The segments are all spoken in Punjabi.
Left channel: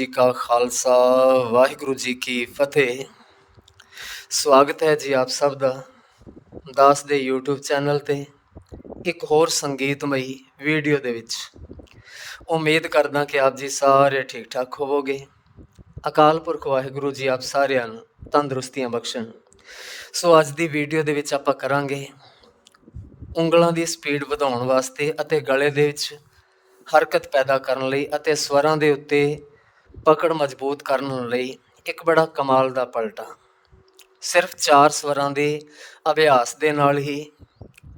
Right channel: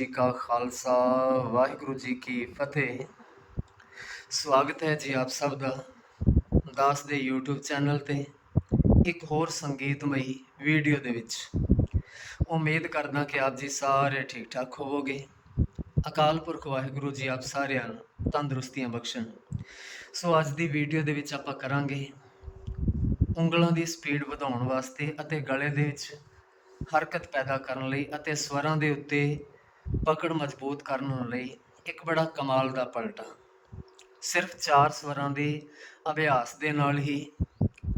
ਜੀ ਕਾ ਖਾਲਸਾ, ਵਾਹਿਗੁਰੂ ਜੀ ਕੀ ਫਤਿਹ। ਸਵਾਗਤ ਹੈ ਜੀ ਆਪ ਸਭ ਦਾ ਦਾਸ ਦੇ YouTube ਚੈਨਲ ਤੇ ਇੱਕ ਹੋਰ ਸੰਗੀਤਮਈ ਵੀਡੀਓ ਦੇ ਵਿੱਚ। ਉਮੀਦ ਕਰਦਾ ਕਿ ਆਪ ਜੀ ਸਾਰੇ ਠੀਕ ਠਾਕ ਹੋਵੋਗੇ। ਅਕਾਲ ਪੁਰਖ ਵਾਹਿਗੁਰੂ ਜੀ ਆਪ ਸਾਰਿਆਂ ਨੂੰ ਤੰਦਰੁਸਤੀਆਂ ਬਖਸ਼ਣ। ਸੋ ਅੱਜ ਦੀ ਵੀਡੀਓ ਦੇ ਵਿੱਚ ਆਪਾਂ ਕਰਾਂਗੇ ਉਂਗਲਾਂ ਦੀ ਸਪੀਡ ਵਧਾਉਣ ਵਾਸਤੇ ਅਤੇ ਗਲੇ ਦੇ ਵਿੱਚ ਹਰਕਤ ਪੈਦਾ ਕਰਨ ਲਈ ਅਤੇ ਸਵਰਾਂ ਦੇ ਉੱਤੇ ਪਕੜ ਮਜ਼ਬੂਤ ਕਰਨ ਲਈ ਇੱਕ ਬੜਾ ਕਮਾਲ ਦਾ ਪਲਟਾ। ਸਿਰਫ ਚਾਰ ਸਵਰਾਂ ਦੇ ਅਭਿਆਸ ਦੇ ਨਾਲ ਹੀ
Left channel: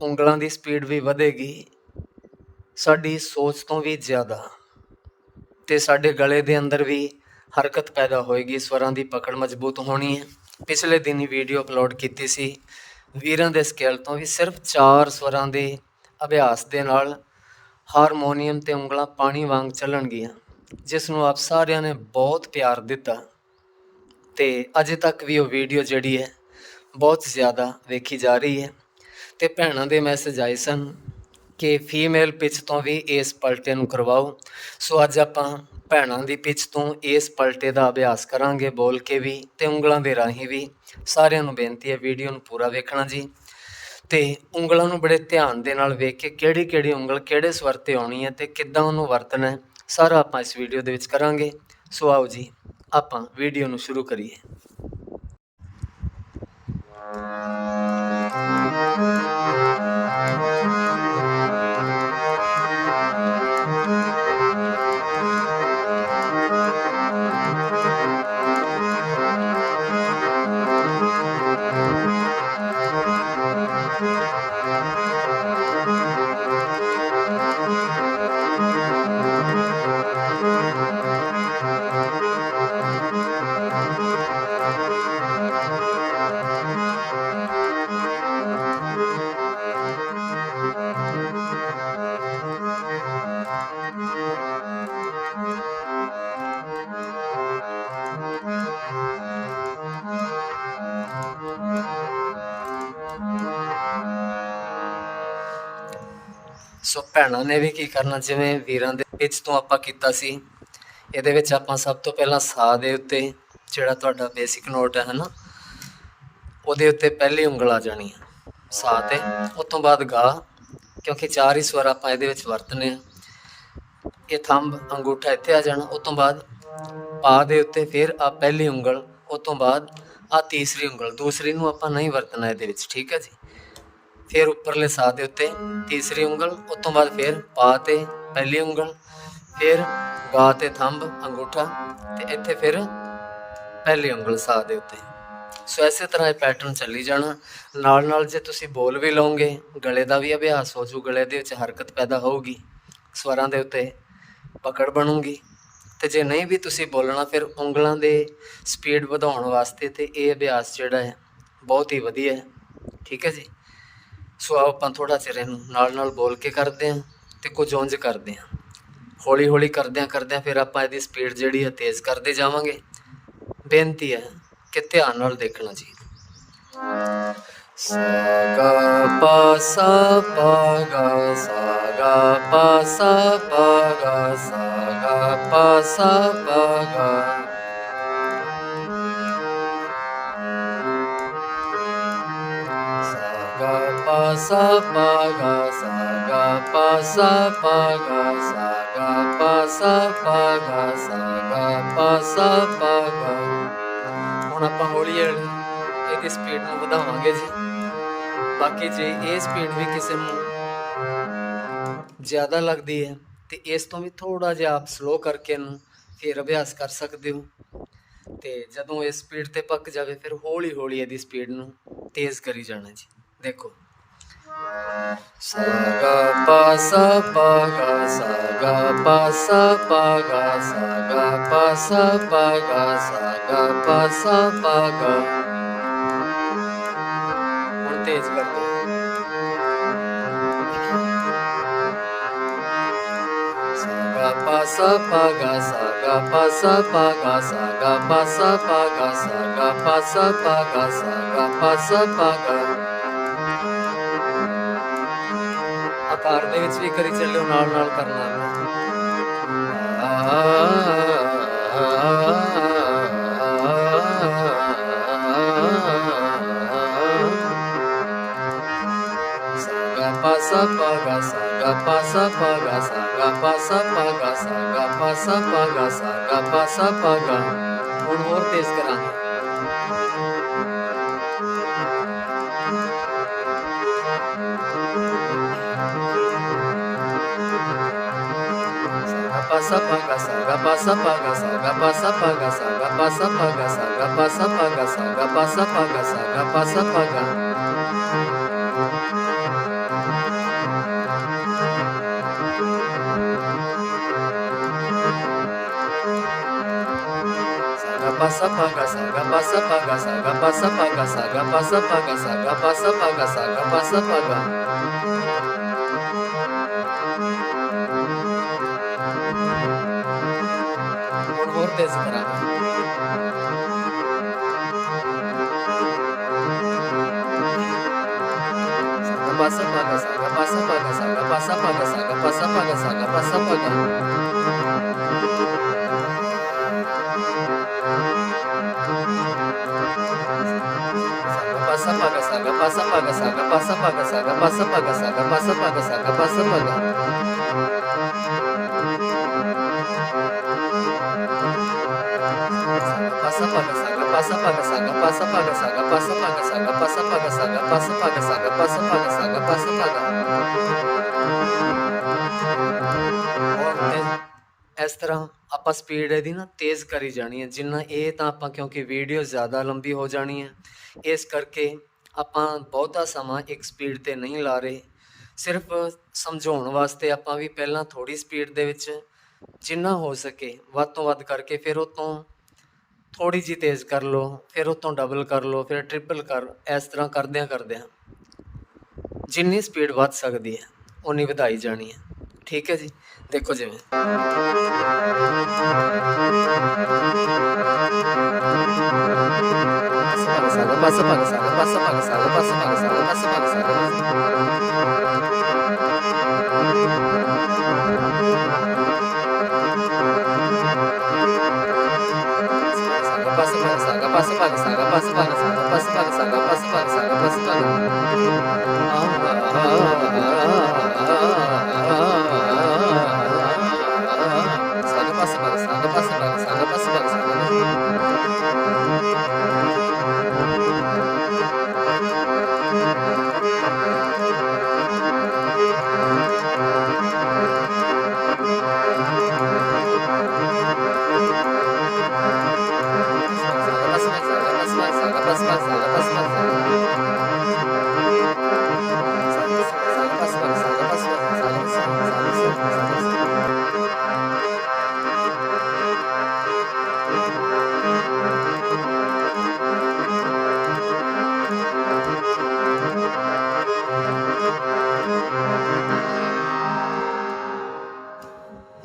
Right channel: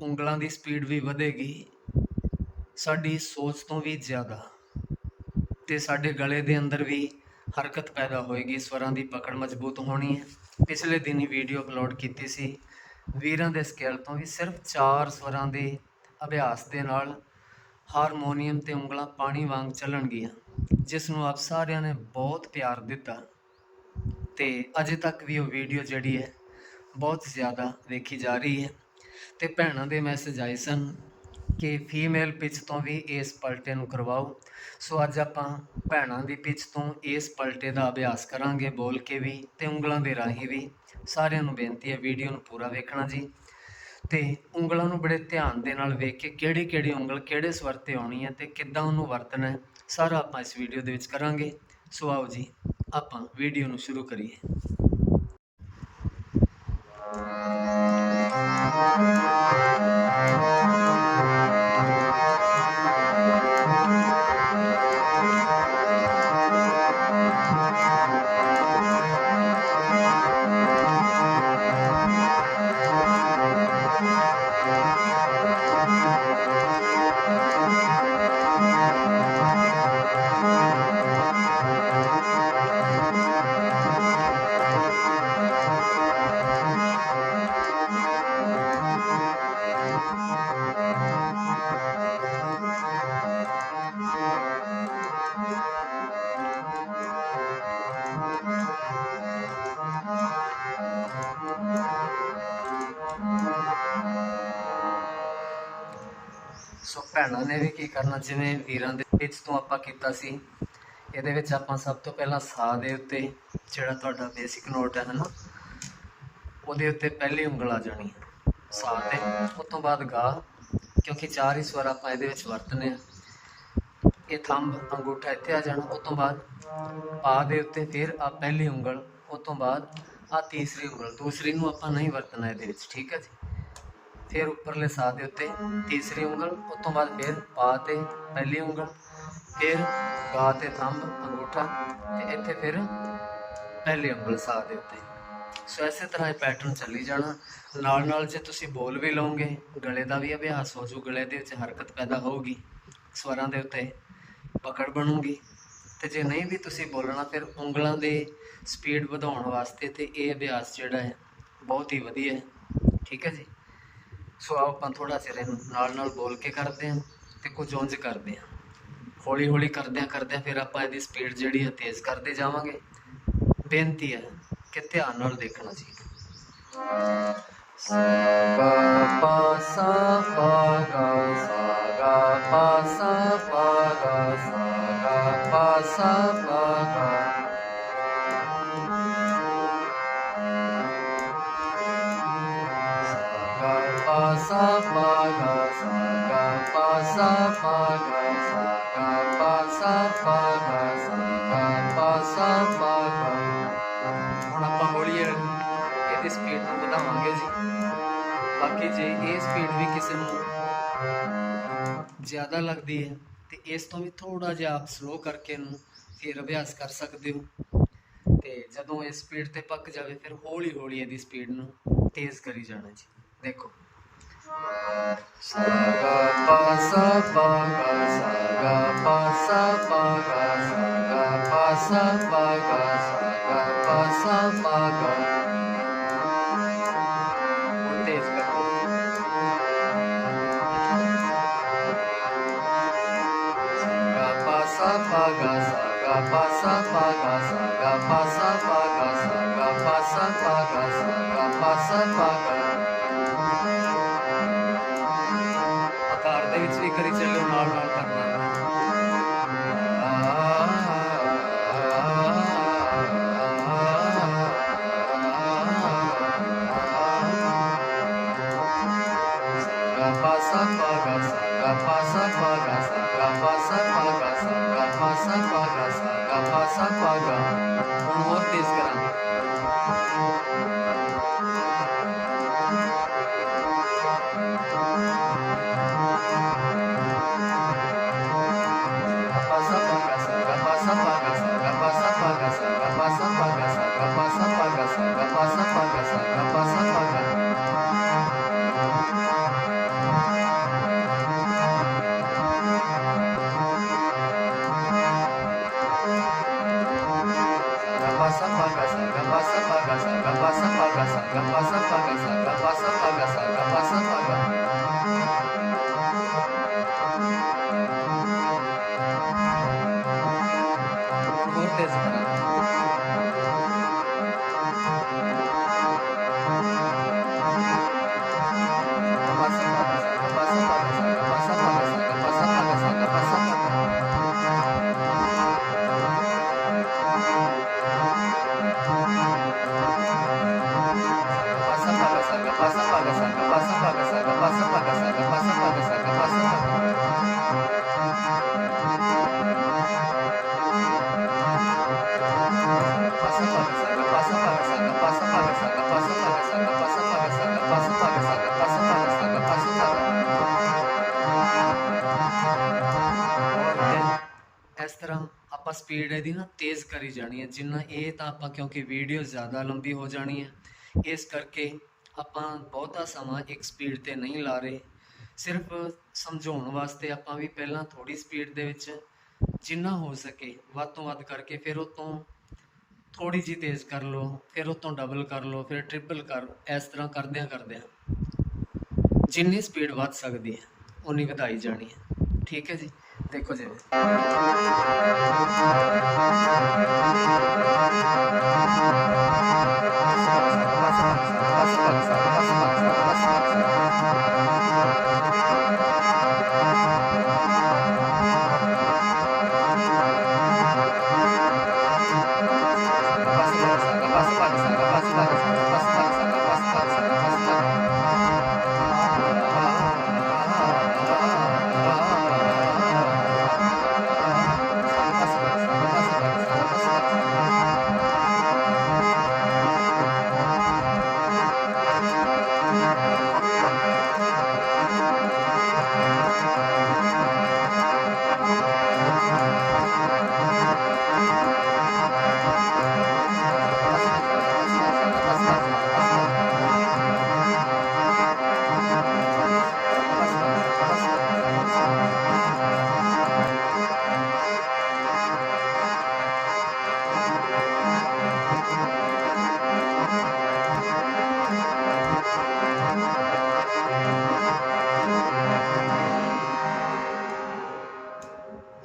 ਉਂਗਲਾਂ ਦੀ ਸਪੀਡ ਵੀ ਵਧੇਗੀ। ਸਾਡੀ ਸੋਚ ਤੋਂ ਵੀ ਜ਼ਿਆਦਾ ਤੇ ਸਾਡੇ ਗਲੇ ਦੇ ਅੰਦਰ ਵੀ ਹਰਕਤ ਪੈਦਾ ਹੋਏਗੀ। ਸਵਰਾਂ ਦੀ ਪਕੜ ਮਜ਼ਬੂਤ ਹੋਣੀ ਹੈ। ਪਿਛਲੇ ਦਿਨ ਹੀ ਵੀਡੀਓ ਅਪਲੋਡ ਕੀਤੀ ਸੀ। ਵੀਰਾਂ ਦੇ ਸਕੇਲ ਤੋਂ ਵੀ ਸਿਰਫ ਚਾਰ ਸਵਰਾਂ ਦੇ ਅਭਿਆਸ ਦੇ ਨਾਲ ਹਾਰਮੋਨੀਅਮ ਤੇ ਉਂਗਲਾਂ ਪਾਣੀ ਵਾਂਗ ਚੱਲਣਗੀਆਂ। ਜਿਸ ਨੂੰ ਆਪ ਸਾਰਿਆਂ ਨੇ ਬਹੁਤ ਪਿਆਰ ਦਿੱਤਾ ਤੇ ਅਜੇ ਤੱਕ ਵੀ ਉਹ ਵੀਡੀਓ ਜਿਹੜੀ ਹੈ ਬਹੁਤ ਜ਼ਿਆਦਾ ਵੇਖੀ ਜਾ ਰਹੀ ਹੈ। ਤੇ ਭੈਣਾਂ ਦੇ ਮੈਸੇਜ ਆਏ ਸਨ ਕਿ ਫੀਮੇਲ ਪਿਚ ਤੋਂ ਵੀ ਇਸ ਪਲਟੇ ਨੂੰ ਕਰਵਾਓ। ਸੋ ਅੱਜ ਆਪਾਂ ਭੈਣਾਂ ਦੀ ਪਿਚ ਤੋਂ ਇਸ ਪਲਟੇ ਦਾ ਅਭਿਆਸ ਕਰਾਂਗੇ ਬੋਲ ਕੇ ਵੀ ਤੇ ਉਂਗਲਾਂ ਦੇ ਰਾਹੀਂ ਵੀ। ਸਾਰਿਆਂ ਨੂੰ ਬੇਨਤੀ ਹੈ ਵੀਡੀਓ ਨੂੰ ਪੂਰਾ ਵੇਖਣਾ ਜੀ। ਤੇ ਉਂਗਲਾਂ ਨੂੰ ਬੜੇ ਧਿਆਨ ਦੇ ਨਾਲ ਵੇਖ ਕੇ ਕਿਹੜੀ ਕਿਹੜੀ ਉਂਗਲ ਕਿਹੜੇ ਸਵਰ ਤੇ ਆਉਣੀ ਹੈ ਤੇ ਕਿੱਦਾਂ ਉਹਨੂੰ ਵਰਤਣਾ ਹੈ। ਸਾਰਾ ਆਪਾਂ ਇਸ ਵੀਡੀਓ ਦੇ ਵਿੱਚ ਕਰਾਂਗੇ। ਸੋ ਆਓ ਜੀ, ਆਪਾਂ ਵੀਡੀਓ ਨੂੰ ਸ਼ੁਰੂ ਕਰੀਏ। ਸੋ ਭੈਣਾਂ ਨੇ ਵੀ ਕੀ ਕਰਨਾ, ਜਿਵੇਂ ਵੀਰਾਂ ਦੇ ਵਿੱਚ ਤੋਂ ਆਪਾਂ ਕੀਤਾ ਸੀ, ਇਹਦੇ ਵਿੱਚ ਆਪਾਂ ਸਭ ਤੋਂ ਪਹਿਲਾਂ ਸਾ ਦੇ ਉੱਤੇ ਜਿਹੜਾ ਤੁਹਾਡਾ ਬੇਸਿਕ ਨੋਟ ਹੈ ਨਾ ਉਹਦੇ ਉੱਤੇ ਪਹਿਲੀ ਉਂਗਲ ਆ ਜਾਣੀ ਹੈ ਸਾ ਤੇ। ਉਸ ਤੋਂ ਬਾਅਦ ਗਾ, ਕਿਉਂਕਿ ਚਾਰ ਹੀ ਸਵਰ ਆਪਾਂ ਇਹਦੇ ਵਿੱਚ ਵਰਤਨੇ ਆ। ਇਹ ਥੰਬ ਅੰਗੂਠਾ ਇੱਥੇ ਆ ਜਾਣਾ, ਉਸ ਤੋਂ ਬਾਅਦ ਪਾ ਦੇ ਉੱਤੇ ਫਿਰ ਆ ਪਹਿਲੀ ਉਂਗਲ, ਉਸ ਤੋਂ ਬਾਅਦ ਆ ਤੀਸਰੀ ਉਂਗਲ, ਦੂਸਰੀ ਨੂੰ ਆਪਾਂ ਨਹੀਂ ਵਰਤਣਾ ਇਹਦੇ ਵਿੱਚ, ਠੀਕ ਹੈ ਜੀ? ਫਿਰ ਉੱਪਰਲੇ ਸਾਹ ਦੇ ਉੱਤੇ ਤੀਸਰੀ ਉਂਗਲ, ਉਸ ਤੋਂ ਬਾਅਦ ਫਿਰ ਪਾ ਤੇ ਪਹਿਲੀ ਉਂਗਲ, ਫਿਰ ਗਾ ਤੇ ਥੰਬ, ਅੰਗੂਠਾ ਤੇ ਇੱਥੇ ਫਿਰ ਪਹਿਲੀ ਉਂਗਲ ਸਾਹ ਦੇ ਉੱਤੇ। ਸੋ ਇਸੇ ਤਰ੍ਹਾਂ ਇਹ ਪੈਟਰਨ ਚੱਲੀ ਜਾਣਾ। ਨਾਲ ਨਾਲ ਜੇ ਤੁਸੀਂ ਬੋਲ ਵੀ ਲਓਗੇ, ਗਲੇ ਦਾ ਵੀ ਅਭਿਆਸ ਹੋ ਜੂ ਗਲੇ ਦੇ ਵਿੱਚ ਹਰਕਤ ਪੈਦਾ ਹੋਊਗੀ, ਸਵਰਾਂ ਦੇ ਉੱਤੇ ਪਕੜ ਬਣੂਗੀ। ਤੇ ਜੇ ਨਹੀਂ ਵੀ ਤੁਸੀਂ ਬੋਲਣਾ, ਫਿਰ ਉਂਗਲਾਂ ਦੇ ਸਪੀਡ ਵਧਾਉਣ ਵਾਸਤੇ ਤੇ ਇਹ ਅਭਿਆਸ ਜਿਹੜਾ ਹੈ, ਬਹੁਤ ਹੀ ਵਧੀਆ ਹੈ। ਠੀਕ ਹੈ ਜੀ? ਸੋ ਆਓ ਆਪਾਂ ਥੋੜਾ ਚਿਰ ਇਹਨੂੰ ਨਾਲ ਨਾਲ ਬੋਲ ਕੇ ਕਰਦੇ ਹਾਂ ਤੇ ਕੁਝ ਉਂਝ ਕਰਦੇ ਹਾਂ। ਹੌਲੀ ਹੌਲੀ ਕਰਦਿਆਂ ਕਰਦਿਆਂ ਫਿਰ ਆਪਾਂ ਇਹਦੀ ਸਪੀਡ ਜਿਹੜੀ ਹੈ ਤੇਜ਼ ਕਰਦੇ ਜਾਵਾਂਗੇ। ਬੇਨਤੀ ਹੈ ਕਿ ਧਿਆਨ ਨਾਲ ਦੇਖਣਾ ਜੀ। ਸਾ ਪਾ ਸਾ ਪਾ ਗਾ ਸਾ ਪਾ ਸਾ ਪਾ ਗਾ ਸਾ ਪਾ ਸਾ ਪਾ ਗਾ ਸਪੀਡ ਨੂੰ ਵਧਾਵਾਂਗੇ ਜੀ। ਬਾਕੀ ਜੇ ਇਹ ਸਪੀਡ ਵੀ ਕਿਸੇ ਨੂੰ ਜ਼ਿਆਦਾ ਲੱਗਦੀ ਹੈ, ਤੇ ਇਸ ਤੋਂ ਵੀ ਥੋੜਾ ਜਿਹਾ ਆਪ ਸਲੋ ਕਰਕੇ ਇਹਨੂੰ ਫਿਰ ਅਭਿਆਸ ਕਰ ਸਕਦੇ ਹੋ। ਤੇ ਜਦੋਂ ਇਹ ਸਪੀਡ ਤੇ ਪੱਕ ਜਾਵੇ, ਫਿਰ ਹੌਲੀ ਹੌਲੀ ਇਹਦੀ ਸਪੀਡ ਨੂੰ ਤੇਜ਼ ਕਰੀ ਜਾਣਾ ਜੀ। ਦੇਖੋ। ਸਾ ਗਾ ਪਾ ਸਾ ਪਾ ਗਾ ਸਾ ਗਾ ਪਾ ਸਾ ਪਾ ਗਾ ਸਾ ਗਾ ਪਾ ਸਾ ਪਾ ਗਾ ਸਾ ਗਾ ਪਾ ਸਾ ਪਾ ਗਾ। ਪਾ ਸਾ ਪਾ ਗਾ ਸਾ ਗਾ ਪਾ ਸਾ ਪਾ ਗਾ ਸਾ ਗਾ ਪਾ ਸਾ ਪਾ ਗਾ ਸਾ ਗਾ ਪਾ ਸਾ ਪਾ ਗਾ ਆਕਾਰ ਦੇ ਵਿੱਚ ਵੀ ਕਰੀ ਚੱਲਿਓ ਨਾਲ ਨਾਲ ਕਰਨਾ Cortes ਆਪਾਂ ਸਪੀਡ ਇਹਦੀ ਨਾ ਤੇਜ਼ ਕਰੀ ਜਾਣੀ ਹੈ। ਜਿੰਨਾ ਇਹ ਤਾਂ ਆਪਾਂ ਕਿਉਂਕਿ ਵੀਡੀਓ ਜ਼ਿਆਦਾ ਲੰਬੀ ਹੋ ਜਾਣੀ ਹੈ। ਇਸ ਕਰਕੇ ਆਪਾਂ ਬਹੁਤਾ ਸਮਾਂ ਇੱਕ ਸਪੀਡ ਤੇ ਨਹੀਂ ਲਾ ਰਹੇ। ਸਿਰਫ ਸਮਝਾਉਣ ਵਾਸਤੇ ਆਪਾਂ ਵੀ ਪਹਿਲਾਂ ਥੋੜੀ ਸਪੀਡ ਦੇ ਵਿੱਚ ਜਿੰਨਾ ਹੋ ਸਕੇ ਵੱਧ ਤੋਂ ਵੱਧ ਕਰਕੇ ਫਿਰ ਉਹ ਤੋਂ ਥੋੜੀ ਜੀ ਤੇਜ਼ ਕਰ ਲਓ, ਫਿਰ ਉਹ ਤੋਂ ਡਬਲ ਕਰ ਲਓ, ਫਿਰ ਟ੍ਰਿਪਲ ਕਰ, ਇਸ ਤਰ੍ਹਾਂ ਕਰਦਿਆਂ ਕਰਦਿਆਂ ਜਿੰਨੀ ਸਪੀਡ ਵੱਧ ਸਕਦੀ ਹੈ ਉਨੀ ਵਧਾਈ ਜਾਣੀ ਹੈ। ਠੀਕ ਹੈ ਜੀ ਦੇਖੋ ਜਿਵੇਂ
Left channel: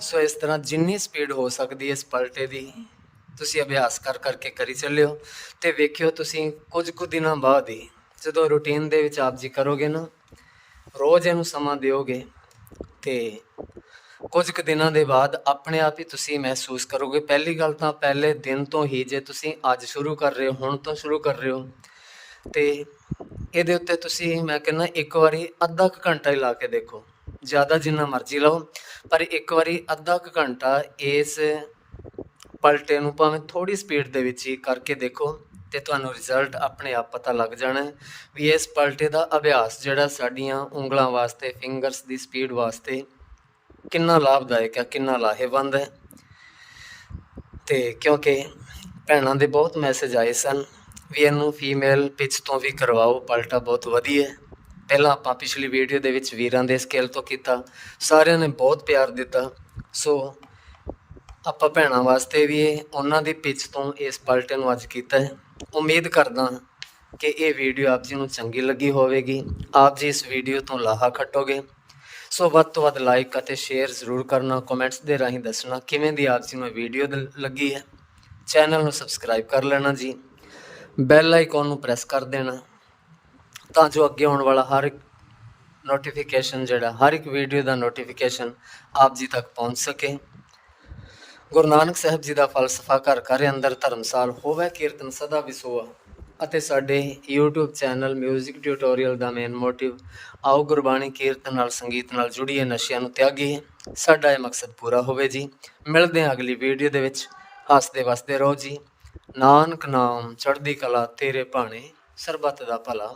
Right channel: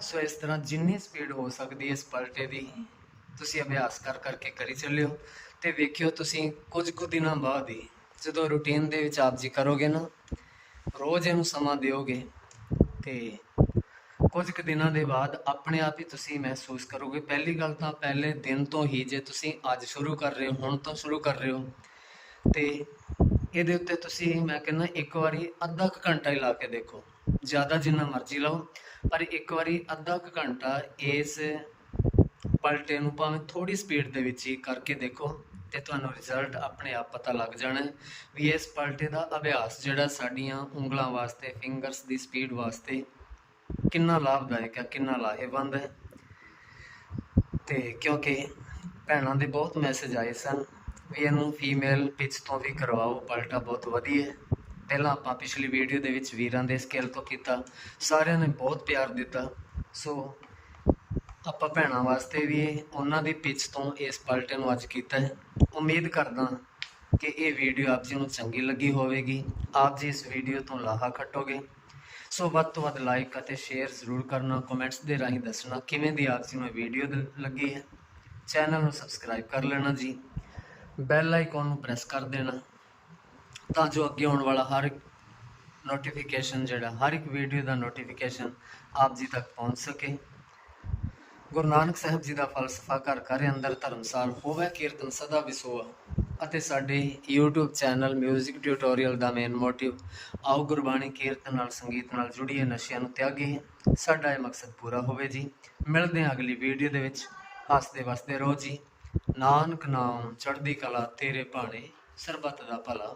ਸੋ ਇਸ ਤਰ੍ਹਾਂ ਜਿੰਨੀ ਸਪੀਡ ਹੋ ਸਕਦੀ ਹੈ ਇਸ ਪਲਟੇ ਦੀ, ਤੁਸੀਂ ਅਭਿਆਸ ਕਰ ਕਰਕੇ ਕਰੀ ਚੱਲਿਓ। ਤੇ ਵੇਖਿਓ ਤੁਸੀਂ ਕੁਝ ਕੁ ਦਿਨਾਂ ਬਾਅਦ ਹੀ, ਜਦੋਂ ਰੁਟੀਨ ਦੇ ਵਿੱਚ ਆਪ ਜੀ ਕਰੋਗੇ ਨਾ, ਰੋਜ਼ ਇਹਨੂੰ ਸਮਾਂ ਦਿਓਗੇ ਤੇ ਕੁਝ ਕੁ ਦਿਨਾਂ ਦੇ ਬਾਅਦ ਆਪਣੇ ਆਪ ਹੀ ਤੁਸੀਂ ਮਹਿਸੂਸ ਕਰੋਗੇ। ਪਹਿਲੀ ਗੱਲ ਤਾਂ ਪਹਿਲੇ ਦਿਨ ਤੋਂ ਹੀ ਜੇ ਤੁਸੀਂ ਅੱਜ ਸ਼ੁਰੂ ਕਰ ਰਹੇ ਹੋ, ਹੁਣ ਤੋਂ ਸ਼ੁਰੂ ਕਰ ਰਹੇ ਹੋ, ਤੇ ਇਹਦੇ ਉੱਤੇ ਤੁਸੀਂ, ਮੈਂ ਕਹਿੰਦਾ ਇੱਕ ਵਾਰੀ ਅੱਧਾ ਕੁ ਘੰਟਾ ਹੀ ਲਾ ਕੇ ਦੇਖੋ। ਜ਼ਿਆਦਾ ਜਿੰਨਾ ਮਰਜ਼ੀ ਲਓ, ਪਰ ਇੱਕ ਵਾਰੀ ਅੱਧਾ ਕੁ ਘੰਟਾ ਇਸ ਪਲਟੇ ਨੂੰ ਭਾਵੇਂ ਥੋੜੀ ਸਪੀਡ ਦੇ ਵਿੱਚ ਹੀ ਕਰਕੇ ਦੇਖੋ ਤੇ ਤੁਹਾਨੂੰ ਰਿਜ਼ਲਟ ਆਪਣੇ ਆਪ ਪਤਾ ਲੱਗ ਜਾਣਾ ਹੈ ਵੀ ਇਸ ਪਲਟੇ ਦਾ ਅਭਿਆਸ ਜਿਹੜਾ ਸਾਡੀਆਂ ਉਂਗਲਾਂ ਵਾਸਤੇ ਫਿੰਗਰਸ ਦੀ ਸਪੀਡ ਵਾਸਤੇ ਕਿੰਨਾ ਲਾਭਦਾਇਕ ਹੈ, ਕਿੰਨਾ ਲਾਹੇਵੰਦ ਹੈ। ਤੇ ਕਿਉਂਕਿ ਭੈਣਾਂ ਦੇ ਬਹੁਤ ਮੈਸੇਜ ਆਏ ਸਨ ਵੀ ਇਹਨੂੰ ਫੀਮੇਲ ਪਿਚ ਤੋਂ ਵੀ ਕਰਵਾਓ, ਪਲਟਾ ਬਹੁਤ ਵਧੀਆ ਹੈ। ਪਹਿਲਾਂ ਆਪਾਂ ਪਿਛਲੀ ਵੀਡੀਓ ਦੇ ਵਿੱਚ ਵੀਰਾਂ ਦੇ ਸਕੇਲ ਤੋਂ ਕੀਤਾ। ਸਾਰਿਆਂ ਨੇ ਬਹੁਤ ਪਿਆਰ ਦਿੱਤਾ। ਸੋ ਆਪਾਂ ਭੈਣਾਂ ਵਾਸਤੇ ਵੀ ਉਹਨਾਂ ਦੀ ਪਿਚ ਤੋਂ ਇਸ ਪਲਟੇ ਨੂੰ ਅੱਜ ਕੀਤਾ ਹੈ। ਉਮੀਦ ਕਰਦਾ ਕਿ ਇਹ ਵੀਡੀਓ ਆਪ ਜੀ ਨੂੰ ਚੰਗੀ ਲੱਗੀ ਹੋਵੇਗੀ। ਆਪ ਜੀ ਇਸ ਵੀਡੀਓ ਤੋਂ ਲਾਹਾ ਖੱਟੋਗੇ। ਸੋ ਵੱਧ ਤੋਂ ਵੱਧ ਲਾਈਕ ਅਤੇ ਸ਼ੇਅਰ ਜ਼ਰੂਰ ਕਰਨਾ ਕਮੈਂਟਸ ਦੇ ਰਾਹੀਂ ਦੱਸਣਾ ਕਿਵੇਂ ਦੀ ਆਪ ਜੀ ਨੂੰ ਵੀਡੀਓ ਲੱਗੀ ਹੈ। ਚੈਨਲ ਨੂੰ ਸਬਸਕ੍ਰਾਈਬ ਕਰ ਲੈਣਾ ਜੀ। ਬੈਲ ਆਈਕਨ ਨੂੰ ਪ੍ਰੈਸ ਕਰ ਦੇਣਾ। ਤਾਂ ਜੋ ਅੱਗੇ ਆਉਣ ਵਾਲਾ ਹਰ ਇੱਕ ਨੋਟੀਫਿਕੇਸ਼ਨ ਜਿਹੜਾ, ਹਰ ਇੱਕ ਵੀਡੀਓ ਦਾ ਨੋਟੀਫਿਕੇਸ਼ਨ ਆਪ ਜੀ ਤੱਕ ਪਹੁੰਚ ਸਕੇ। ਗੁਰੂ ਨਾਨਕ ਸਾਹਿਬ ਜੀ ਦਾ ਫਲਸਫਾ ਘਰ ਘਰ ਅੰਦਰ ਧਰਮਸਾਲ ਹੋਵੇ, ਕੀਰਤਨ ਸਦਾ ਵਿਸੋਆ ਅਤੇ ਸਾਡੇ YouTube ਚੈਨਲ 뮤직 ਟਿਊਟੋਰੀਅਲ ਦਾ ਮੇਨ ਮੋਟਿਵ ਆਓ ਗੁਰਬਾਣੀ ਕੀਰਤਨ ਨਾਲ, ਸੰਗੀਤ ਨਾਲ ਜੁੜੀਏ, ਨਸ਼ਿਆਂ ਨੂੰ ਤਿਆਗੀਏ। ਸਾਡਾ ਇਹ ਮਕਸਦ ਪੂਰਾ ਹੋਵੇ ਜੀ। ਮਿਲਦੇ ਹਾਂ ਅਗਲੀ ਵੀਡੀਓ ਦੇ ਵਿੱਚ। ਹੱਸਦੇ ਵਸਦੇ ਰਹੋ ਜੀ। ਨਾਨਕ ਨਾਮ ਚੜ੍ਹਦੀ ਕਲਾ ਤੇਰੇ ਭਾਣੇ, ਸਰਬੱਤ ਦਾ ਭਲਾ